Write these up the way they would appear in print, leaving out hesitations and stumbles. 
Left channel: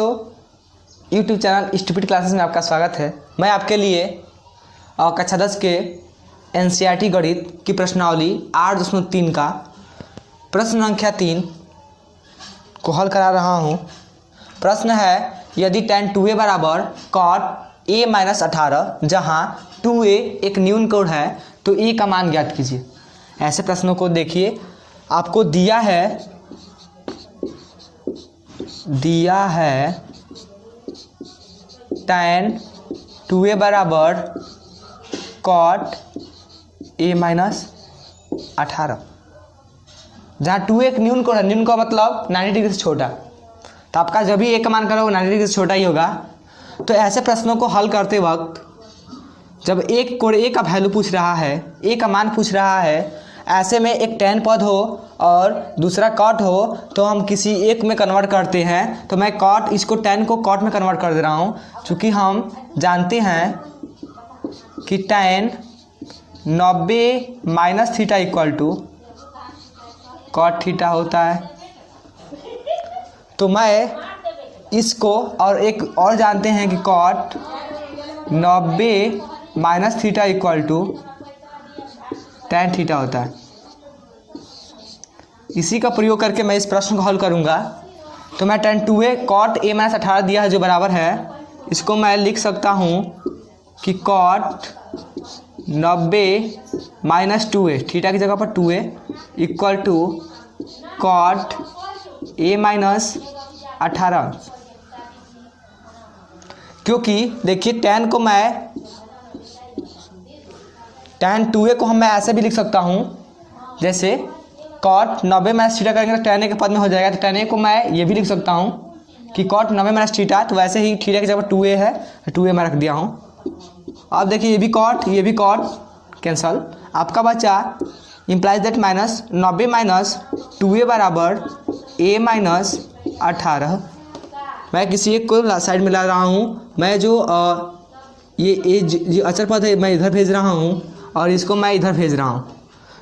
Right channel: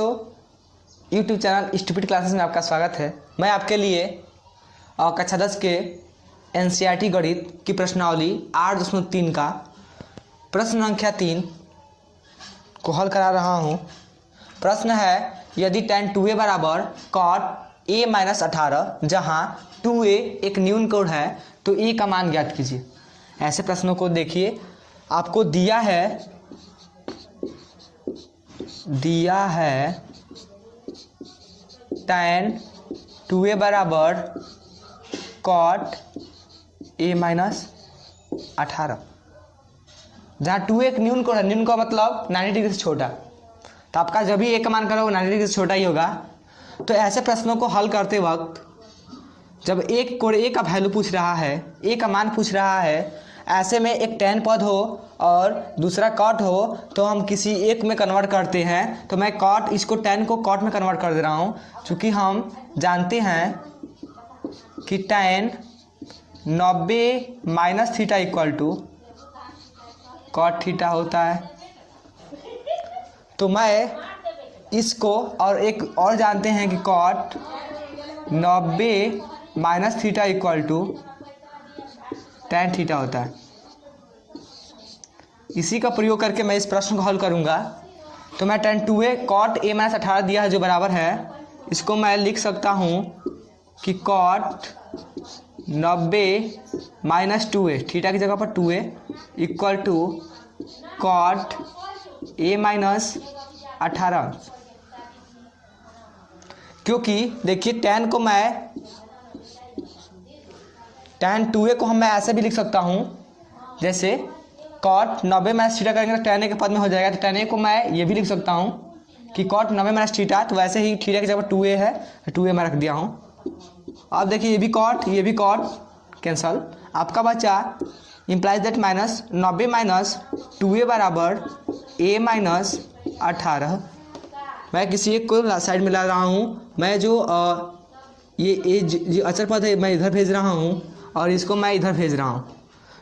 दोस्तों, YouTube channel stupid classes में आपका स्वागत है। मैं आपके लिए कक्षा 10 के एनसीईआरटी गणित की प्रश्नावली 8.3 का प्रश्न संख्या 3 को हल करा रहा हूँ। प्रश्न है, यदि tan 2a बराबर cot a माइनस 18 जहाँ 2a एक न्यून कोण है तो a का मान ज्ञात कीजिए। ऐसे प्रश्नों को देखिए, आपको दिया है tan 2a बराबर cot a माइनस 18 जहाँ 2a एक न्यून कोण है। न्यून का मतलब 90 डिग्री से छोटा, तो आपका जब भी a का मान करो वो 90 डिग्री से छोटा ही होगा। तो ऐसे प्रश्नों को हल करते वक्त जब एक कोण a का वैल्यू पूछ रहा है, a का मान पूछ रहा है, ऐसे में एक tan पद हो और दूसरा cot हो तो हम किसी एक में कन्वर्ट करते हैं। तो मैं cot इसको tan को cot में कन्वर्ट कर दे रहा हूँ, क्योंकि हम जानते हैं कि tan 90 minus theta equal to cot theta होता है। तो मैं इसको और एक और जानते हैं कि cot 90 minus theta equal to tan theta होता है। इसी का प्रयोग करके मैं इस प्रश्न को हल करूंगा। तो मैं tan 2a cot a minus 18 दिया है जो बराबर है, इसको मैं लिख सकता हूं कि cot 90 माइनस 2a थीटा की जगह पर 2a equal to cot a minus 18। क्योंकि देखिए tan2a को मैं ऐसे भी लिख सकता हूं, जैसे cot 90 माइनस थीटा करेंगे तो tan a के पद में हो जाएगा। तो tan a को मैं ये भी लिख सकता हूं कि cot 90 माइनस थीटा, तो वैसे ही थीटा की जगह 2a है तो 2a मैं रख दिया हूं। अब देखिए ये भी cot कैंसल, आपका बचा implies that minus 90 minus 2a बराबर a माइनस 18। मैं किसी एक को साइड में ला रहा हूँ। मैं जो ये अचर पद है मैं इधर भेज रहा हूँ और इसको मैं इधर भेज रहा हूँ।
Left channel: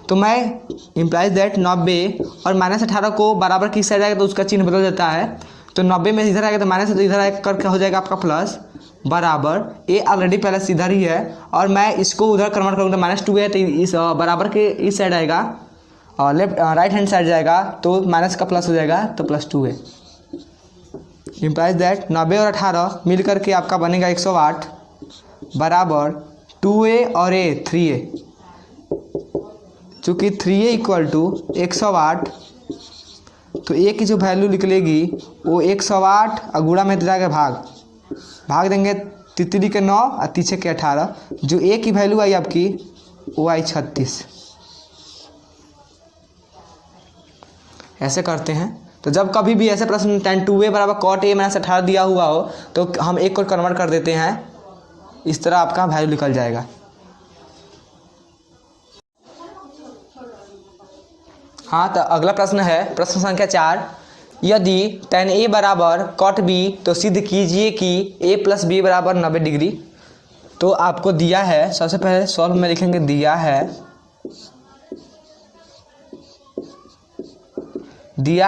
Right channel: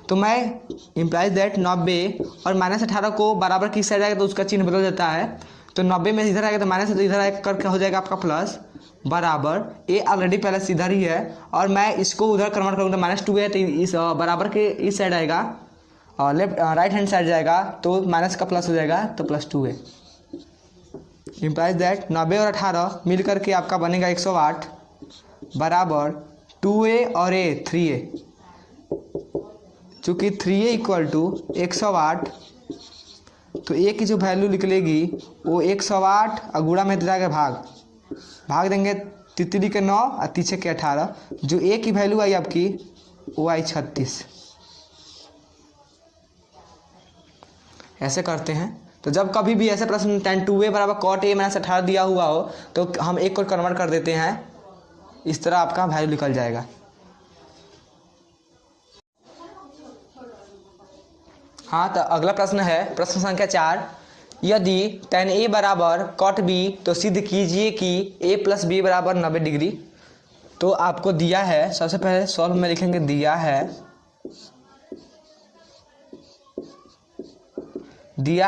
तो मैं इम्प्लाइज दैट 90 और माइनस 18 को बराबर किस साइड आएगा तो उसका चिन्ह बदल जाता है। तो 90 में इधर आएगा तो माइनस, तो इधर आएगा करके हो जाएगा आपका प्लस बराबर ए ऑलरेडी प्लस इधर ही है और मैं इसको उधर कन्वर्ट करूँगा। माइनस 2 है तो इस बराबर के इस साइड आएगा और लेफ्ट राइट हैंड साइड जाएगा तो माइनस का प्लस हो जाएगा तो प्लस 2 है। इम्प्लाइज दैट 90 और 18 मिल करके आपका बनेगा 108 बराबर 2a और a 3a। चूँकि 3a इक्वल टू 108 तो a की जो वैल्यू निकलेगी वो 108 और गुणा में जाएगा भाग देंगे 3 के 9 और 3 के 18। जो a की वैल्यू आई आपकी वो आई 36। ऐसे करते हैं। तो जब कभी भी ऐसे प्रश्न tan 2a बराबर cot a माइनस 18 दिया हुआ हो तो हम एक को कन्वर्ट कर देते हैं, इस तरह आपका वैल्यू निकल जाएगा। हाँ, तो अगला प्रश्न है प्रश्न संख्या 4, यदि tan a बराबर cot b तो सिद्ध कीजिए कि a प्लस बी बराबर 90 डिग्री। तो आपको दिया है, सबसे पहले सॉल्व में लिखेंगे, दिया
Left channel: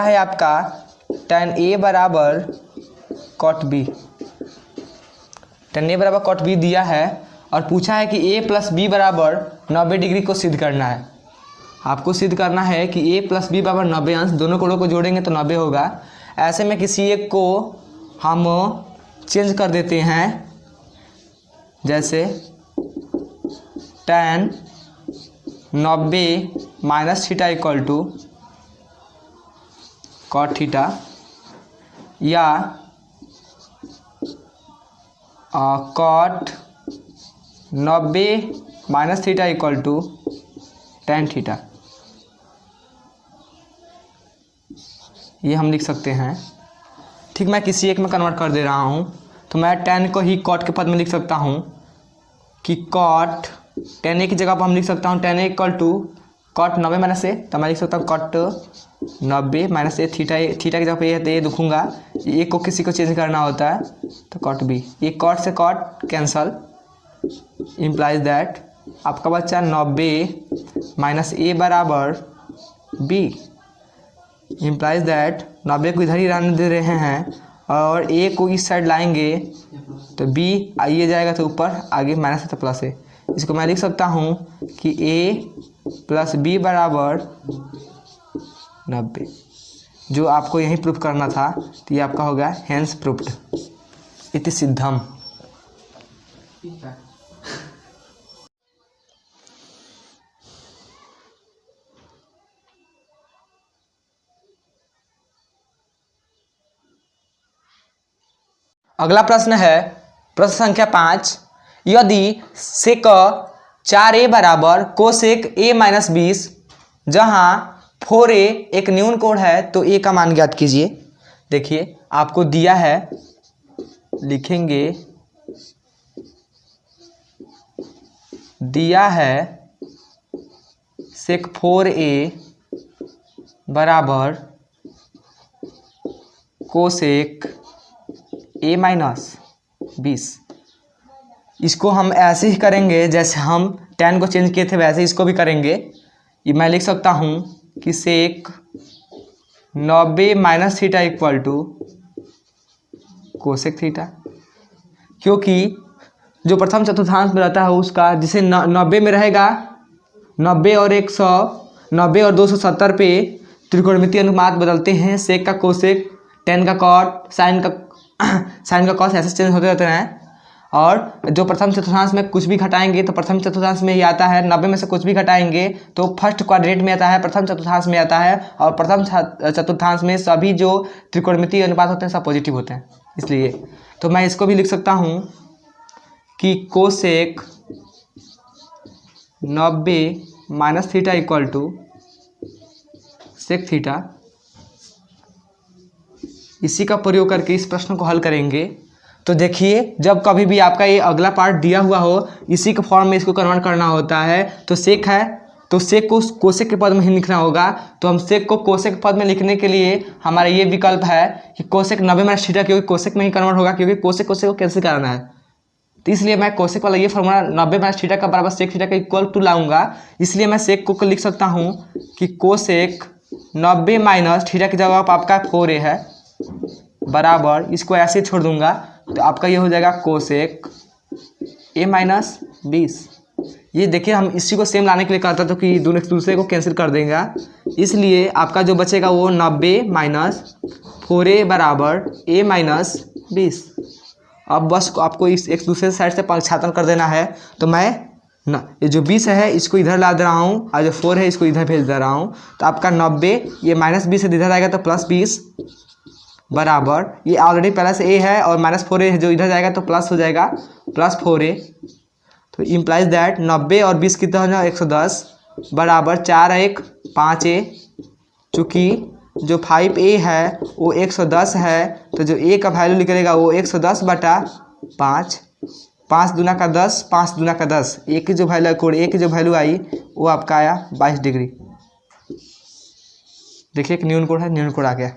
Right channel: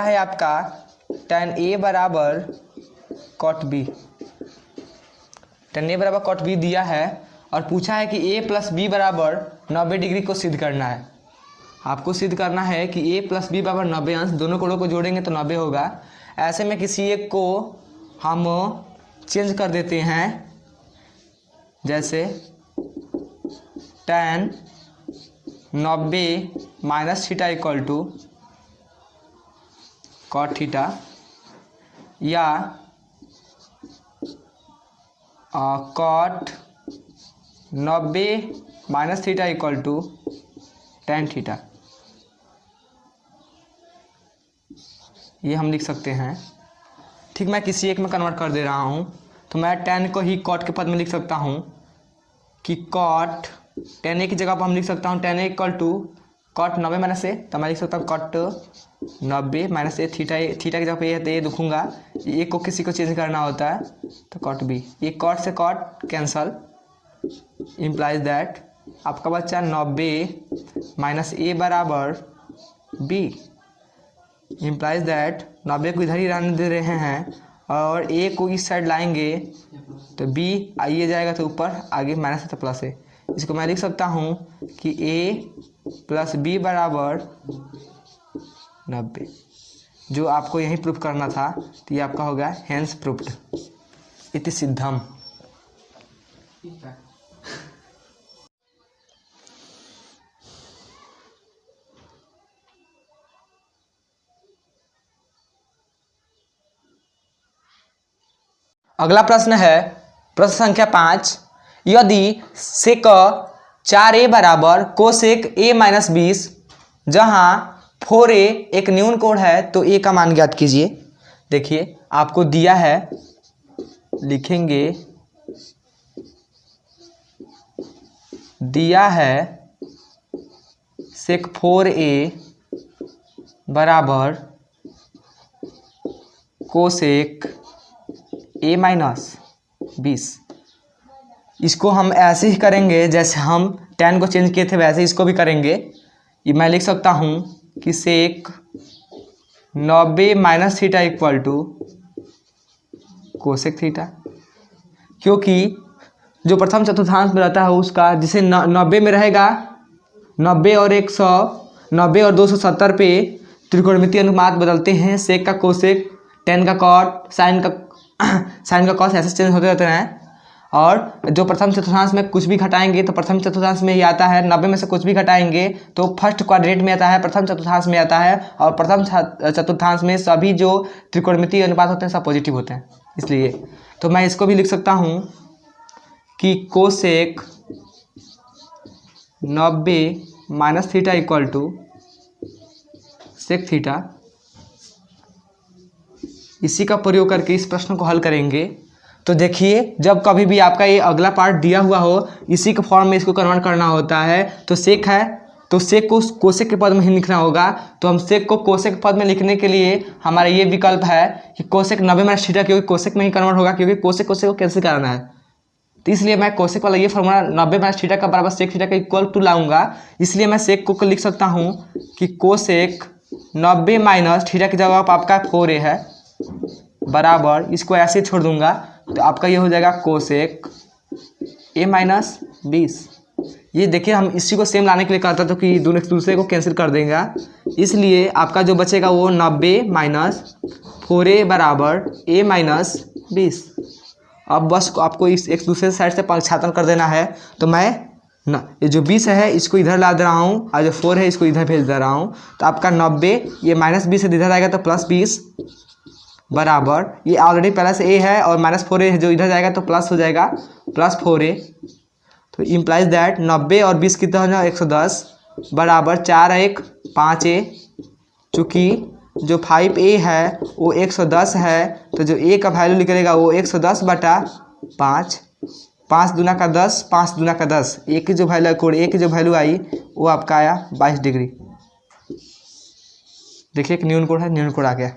है आपका tan a बराबर cot b। tan a बराबर cot b दिया है और पूछा है कि a प्लस बी बराबर 90 डिग्री को सिद्ध करना है। आपको सिद्ध करना है कि a प्लस बी बराबर 90 अंश, दोनों कोणों को जोड़ेंगे तो 90 होगा। ऐसे में किसी एक को हम चेंज कर देते हैं, जैसे tan 90 minus theta equal to cot theta, या cot 90 minus theta equal to tan theta, ये हम लिख सकते हैं। ठीक, मैं किसी एक में कन्वर्ट कर दे रहा हूँ। तो मैं tan को ही cot के पद में लिख सकता हूँ कि cot tan a की जगह पर हम लिख सकता हूँ tan a equal to cot 90 minus a। तो मैं लिख सकता हूँ cot 90 माइनस a, थीटा की जगह पर ये है तो ये दुखूंगा, ए को किसी को चेंज करना होता है तो cot b। ये cot से cot कैंसल, इम्प्लाइज दैट आपका बच्चा 90 माइनस a बराबर b। इम्प्लाइज दैट 90 को इधर ही रहने दे रहे हैं और ए को इस साइड लाएंगे तो बी आइए जाएगा तो ऊपर, आगे माइनस है तो प्लस है। इसको मैं लिख सकता हूँ कि ए प्लस बी बराबर 90। जो आपको यही प्रूफ करना था, तो ये आपका होगा हेंस प्रूफ्ड इति सिद्धम। अगला प्रश्न है प्रश्न संख्या 5। यदि सेक 4a बराबर कोसेक a माइनस 20, जहाँ 4a एक न्यून कोण है, तो a का मान ज्ञात कीजिए। देखिए आपको दिया है, लिखेंगे दिया है सेक 4a बराबर कोसेक a माइनस 20। इसको हम ऐसे ही करेंगे जैसे हम tan को चेंज किए थे, वैसे इसको भी करेंगे। ये मैं लिख सकता हूँ कि sec 90 minus theta equal to cosec theta, क्योंकि जो प्रथम चतुर्थांश में रहता है उसका, जिसे 90 में रहेगा, 90 और 100, 90 और 270 पे त्रिकोणमितीय अनुपात बदलते हैं। सेक का कोसेक, tan का कॉट, साइन का कॉस, ऐसे चेंज होते रहते हैं। और जो प्रथम चतुर्थांश में कुछ भी घटाएंगे तो प्रथम चतुर्थांश में ही आता है, 90 में से कुछ भी घटाएंगे तो फर्स्ट क्वाड्रेंट में आता है, प्रथम चतुर्थांश में आता है। और प्रथम चतुर्थांश में सभी जो त्रिकोणमितीय अनुपात होते हैं सब पॉजिटिव होते हैं। इसलिए तो मैं इसको भी लिख सकता हूँ कि cosec 90 minus theta equal to sec theta. इसी का प्रयोग करके इस प्रश्न को हल करेंगे। तो देखिए, जब कभी भी आपका ये अगला पार्ट दिया हुआ हो, इसी के फॉर्म में इसको कन्वर्ट करना होता है। तो सेक है तो सेक को कोसेक के पद में ही लिखना होगा। तो हम सेक को कोसेक के पद में लिखने के लिए हमारा ये विकल्प है कि कोसेक 90 माइनस थीटा, क्योंकि कोसेक में ही कन्वर्ट होगा, क्योंकि कोसेक को कैंसिल कराना है। तो इसलिए मैं कोसेक वाला ये फॉर्मूला 90 माइनस थीटा का बराबर सेक थीटा का इक्वल टू लाऊंगा। इसलिए मैं सेक को लिख सकता हूँ कि कोसेक 90 माइनस थीटा की जगह पर आपका 4a है बराबर, इसको ऐसे छोड़ दूंगा तो आपका ये हो जाएगा कोसेक a माइनस 20। ये देखिए, हम इसी को सेम लाने के लिए कहता था कि दोनों एक दूसरे को कैंसिल कर देंगे। इसलिए आपका जो बचेगा वो 90 माइनस 4a बराबर a माइनस 20। अब बस आपको इस एक दूसरे साइड से पक्षांतर कर देना है। तो मैं ये जो 20 है इसको इधर ला दे रहा हूँ, और जो 4 है इसको इधर भेज दे रहा हूँ। तो आपका 90, ये माइनस 20 से इधर आएगा तो प्लस 20 बराबर, ये ऑलरेडी पहले से a है और माइनस 4a है, जो इधर जाएगा तो प्लस हो जाएगा प्लस 4a। तो इम्प्लाइज दैट 90 और 20 कितना हो जाएगा 110 बराबर 4 1 5a। चूँकि जो 5a है वो 110 है, तो जो a का वैल्यू निकलेगा वो 110 बटा 5, 5 दूना का 10, 5 दूना का 10। a की जो वैल्यू कोण a की जो वैल्यू आई वो आपका आया 22 डिग्री। देखिए एक न्यून कोण है, न्यून कोण आ गया।